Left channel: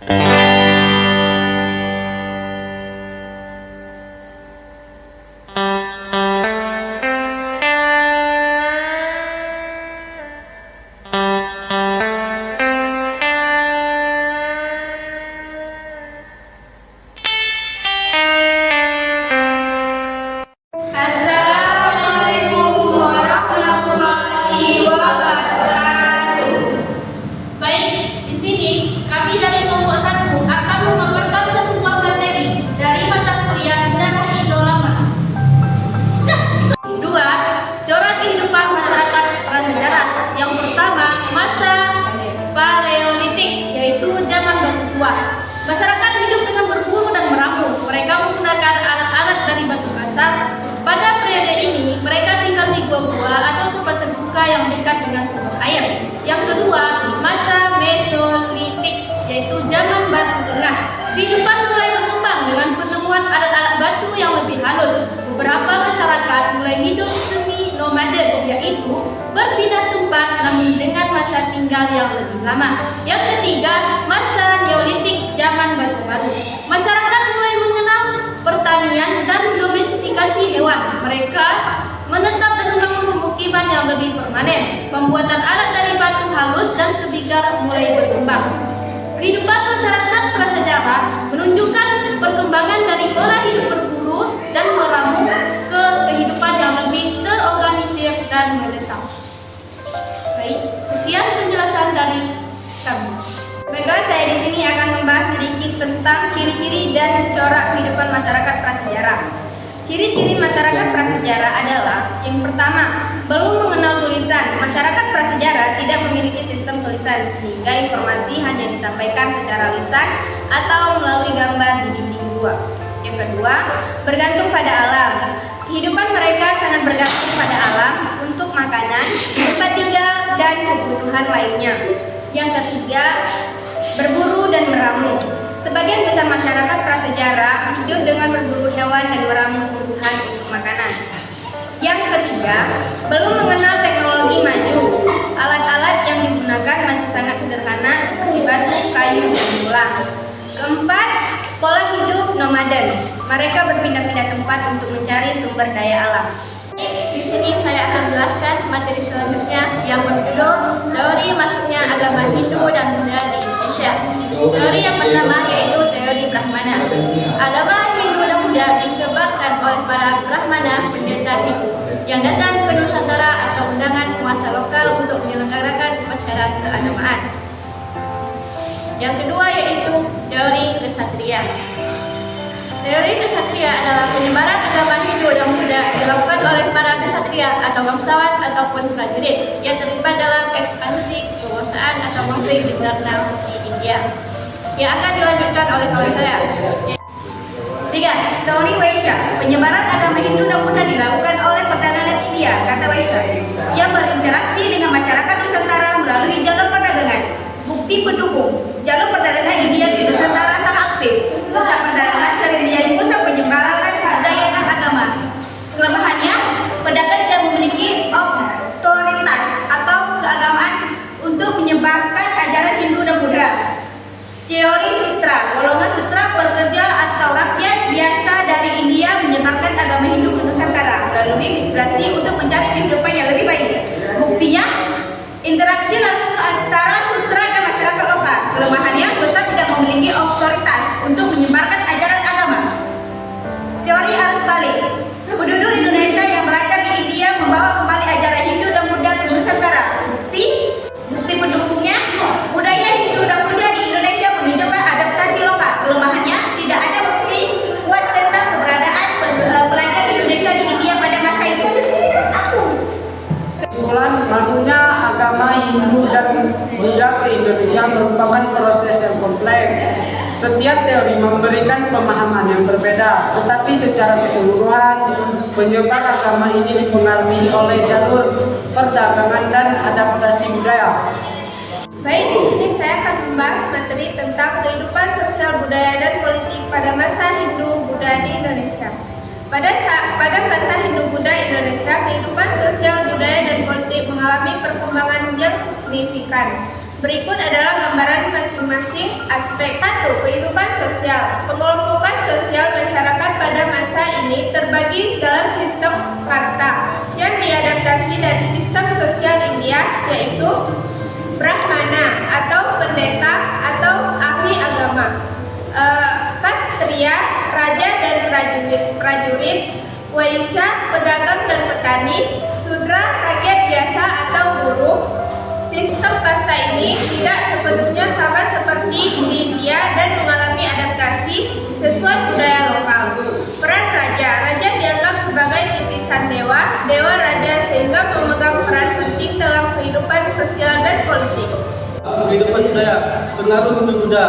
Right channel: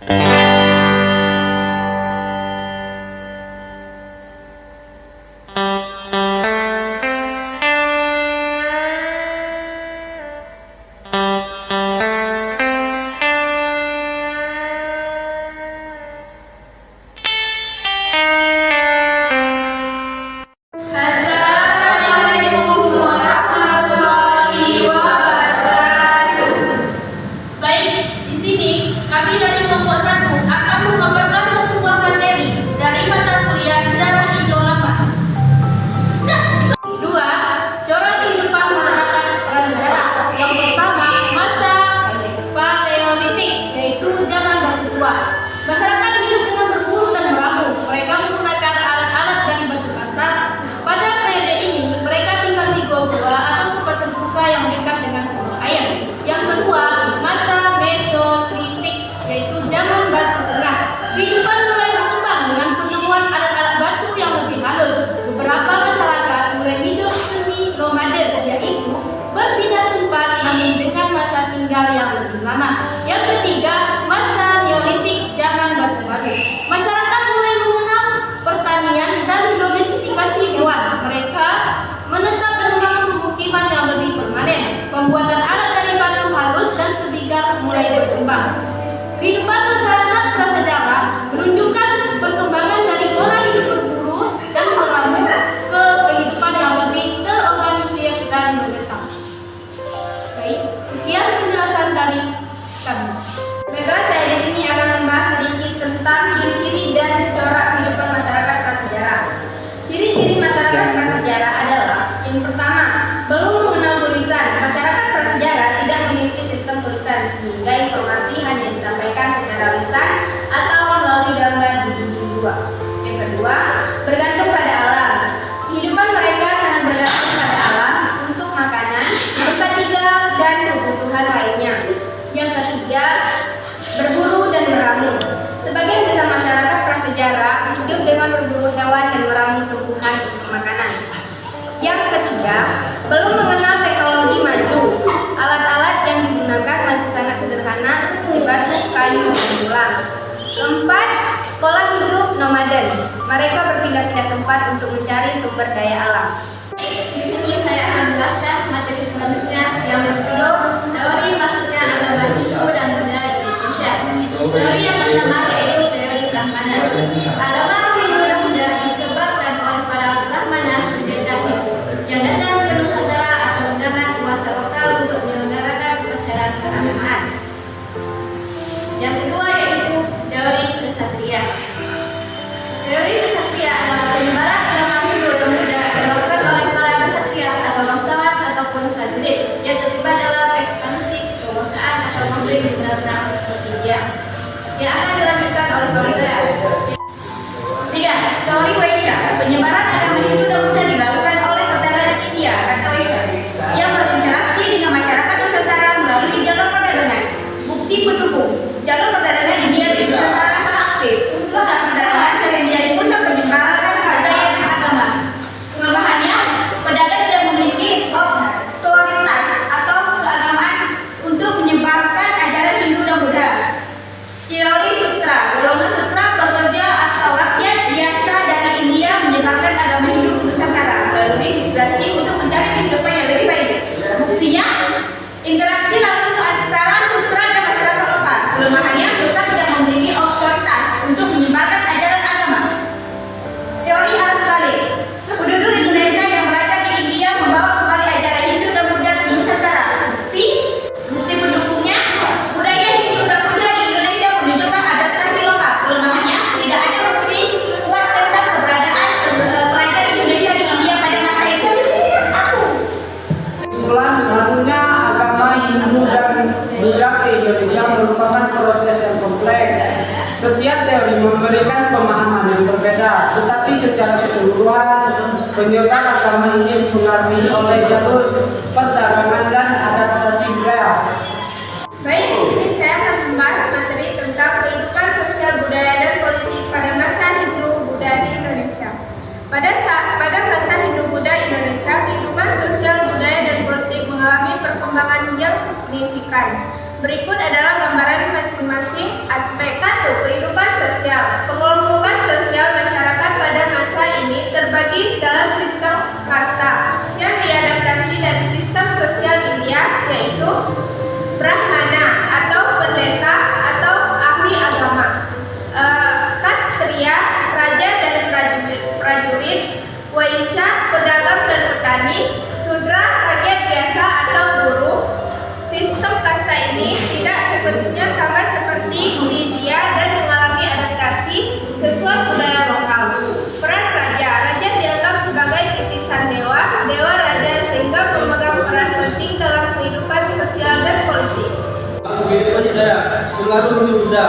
Assalamualaikum warahmatullahi wabarakatuh. Baik, di sini kami dari kelompok 1 akan memaparkan satu buah materi dari mata kuliah Sejarah Indo Lama. Dua, corak kehidupan masyarakat prasejarah. Yang pertama, masa Paleolitik, yaitu zaman batu tua. Masyarakat hidup dengan berburu dan meramu. Mereka menggunakan alat-alat dari batu kasar. Pada periode ini, mereka tinggal di gua-gua atau tempat terbuka yang dekat dengan sumber air. Yang kedua, masa Mesolitik, yaitu zaman batu tengah. Kehidupan mulai berkembang dengan penemuan alat-alat batu yang lebih halus. Beberapa masyarakat mulai hidup semi nomaden, yaitu berpindah tempat namun dengan masa tinggal yang lebih lama. Yang ketiga, masa Neolitik, zaman batu baru. Masyarakat mulai mengenal pertanian dan domestikasi hewan. Mereka menetap dan membangun pemukiman yang lebih permanen. Pembuatan alat dari batu halus dan tembikar mulai berkembang. Kehidupan masyarakat prasejarah menunjukkan perkembangan dari pola hidup berburu dan meramu ke kehidupan yang lebih terorganisir dan menetap. Baik, sekian penjelasan dari kami. Baiklah, saya di sini akan membahas sedikit tentang ciri-ciri dan corak kehidupan masyarakat prasejarah. Ciri-ciri masyarakat prasejarah adalah: yang pertama, belum mengenal tulisan. Masyarakat prasejarah tidak memiliki sistem tulisan, sehingga informasi hanya disampaikan secara lisan atau melalui gambar di dinding gua. Yang kedua, bergantung pada alam. Kehidupan mereka sangat bergantung pada alam untuk makanan, tempat tinggal, dan kebutuhan lainnya. Yang ketiga, berburu dan meramu. Sebagian besar masyarakat prasejarah hidup dengan berburu hewan dan meramu tumbuhan untuk makanan. Yang ketiga, belum mengenal teknologi maju. Alat-alat yang digunakan masih sangat sederhana seperti batu, kayu, dan tulang. Keempat, pola hidup nomaden. Mereka berpindah-pindah tempat untuk mencari sumber daya alam. Di sini saya akan menjelaskan materi selanjutnya yang berjudul teori masuknya agama Hindu dan Buddha di Indonesia. Teori yang pertama yaitu teori Brahmana. Agama Hindu dan Buddha disebarkan oleh para Brahmana pendeta Hindu yang datang ke Nusantara atau undangan kuasa lokal untuk menyelenggarakan upacara keagamaan. Yang kedua yaitu teori Ksatria. Teori Ksatria adalah penyebaran agama Hindu dan Buddha dilakukan oleh para ksatria atau bangsawan ataupun prajurit yang terlibat dalam ekspansi kekuasaan atau konflik di dalam di India yang akan dilanjutkan oleh kawan saya. 3. Teori Vaishya. Penyebaran agama Hindu dan Buddha dilakukan oleh perdagangan India, kata Vaishya, yang berinteraksi dengan masyarakat Nusantara melalui jalur perdagangan. Bukti pendukung, jalur perdagangan India di Nusantara sangat aktif. Pusat perdagangan sering menjadi pusat penyebaran budaya dan agama. Kelemahannya, pedagang tidak memiliki otoritas atau keagamaan untuk menyebarkan ajaran Hindu dan Buddha. Teori Sutra. Golongan sutra pekerja atau rakyat biasa dari India menyebarkan agama Hindu ke Nusantara melalui migrasi untuk mencari kehidupan yang lebih baik. Buktinya, interaksi langsung antara sutra dan masyarakat lokal. Kelemahannya, sutra tidak memiliki otoritas untuk menyebarkan ajaran agama. Teori arus balik. Penduduk Indonesia yang belajar di India membawa kembali ajaran Hindu dan Buddha ke Nusantara. Bukti pendukungnya, budaya Hindu dan Buddha di Indonesia menunjukkan adaptasi lokal. Kelemahannya, tidak ada bukti kuat tentang keberadaan pelajar Indonesia di India pada masa itu. Kesimpulan, masuknya agama Hindu dan Buddha ke Indonesia merupakan proses yang kompleks. Setiap teori memberikan pemahaman yang berbeda, tetapi secara keseluruhan penyebar agama ini dipengaruhi oleh jalur perdagangan dan adaptasi budaya. Baik, di sini saya akan membahas materi tentang kehidupan sosial budaya dan politik pada masa Hindu Buddha di Indonesia. Pada masa Hindu-Buddha Indonesia, kehidupan sosial, budaya, dan politik mengalami perkembangan yang signifikan. Berikut adalah gambaran masing-masing aspek. 1. Kehidupan sosial. Pengelompokan sosial masyarakat pada masa ini terbagi dalam sistem kasta yang diadaptasi dari sistem sosial India, yaitu Brahmana atau pendeta atau ahli agama, Ksatria, raja dan prajurit, Waisya, pedagang dan petani, Sudra, rakyat biasa atau buruh. Sistem kasta ini tidak sepenuhnya sama seperti di India dan mengalami adaptasi sesuai budaya lokal. Peran raja. Raja dianggap sebagai titisan dewa raja, sehingga memegang peran penting dalam kehidupan sosial dan politik. Kehidupan budaya, pengaruh Hindu-Buddha.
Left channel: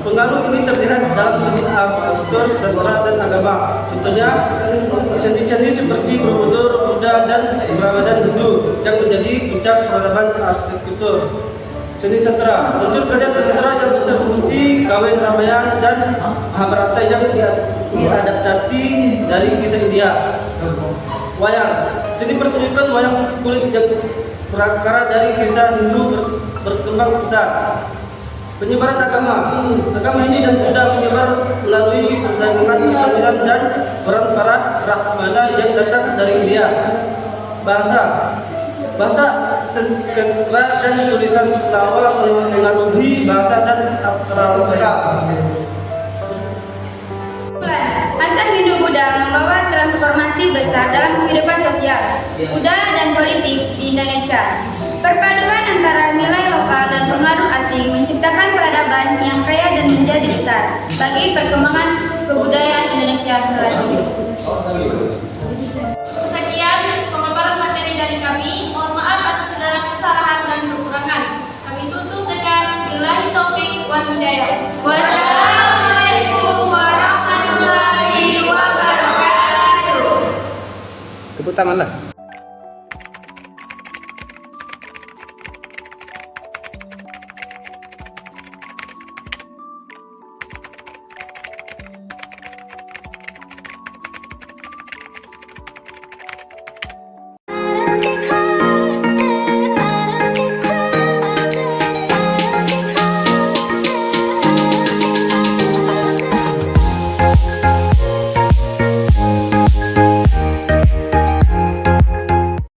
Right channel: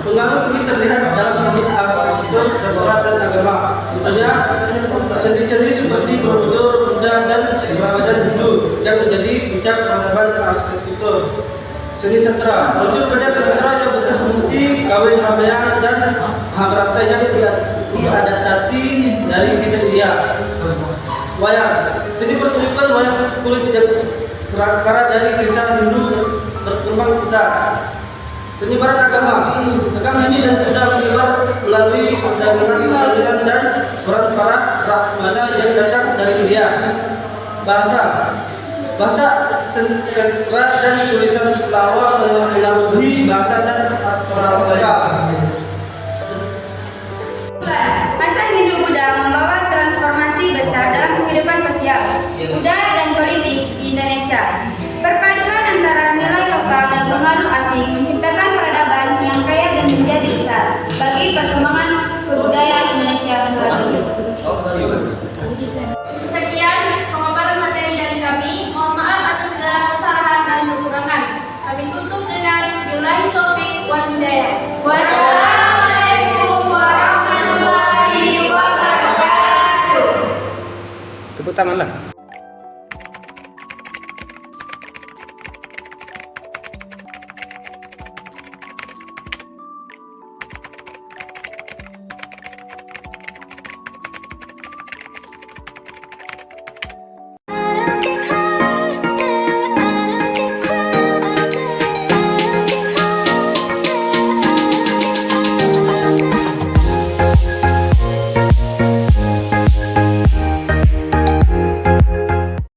Pengaruh ini terlihat dalam seni arsitektur, sastra, dan agama. Contohnya, candi-candi seperti Borobudur, Buddha, dan Brahmadan Hindu yang menjadi puncak peradaban arsitektur. Seni sastra, muncul karya sastra yang bisa seperti Kawin Ramayana dan Mahabharata yang diadaptasi dari kisah India. Wayang, seni pertunjukan wayang kulit yang berakar dari kisah Hindu berkembang besar. Penyebaran agama ini dan sudah menyebar melalui perdagangan dan peran para Brahmana yang datang dari India. Bahasa sastra dan tulisan lawa mengaruhi bahasa dan astrologa. Masa Hindu-Buddha membawa transformasi besar dalam kehidupan sosial, budaya, dan politik di Indonesia. Perpaduan antara nilai lokal dan pengaruh asing menciptakan peradaban yang kaya dan menjadi besar bagi perkembangan kebudayaan Indonesia selanjutnya. Sekian pemaparan materi dari kami. Mohon maaf atas segala kesalahan dan kekurangan. Kami tutup dengan billahi taufik wal hidayah. Wassalamualaikum warahmatullahi wabarakatuh. Tepuk tangan lah.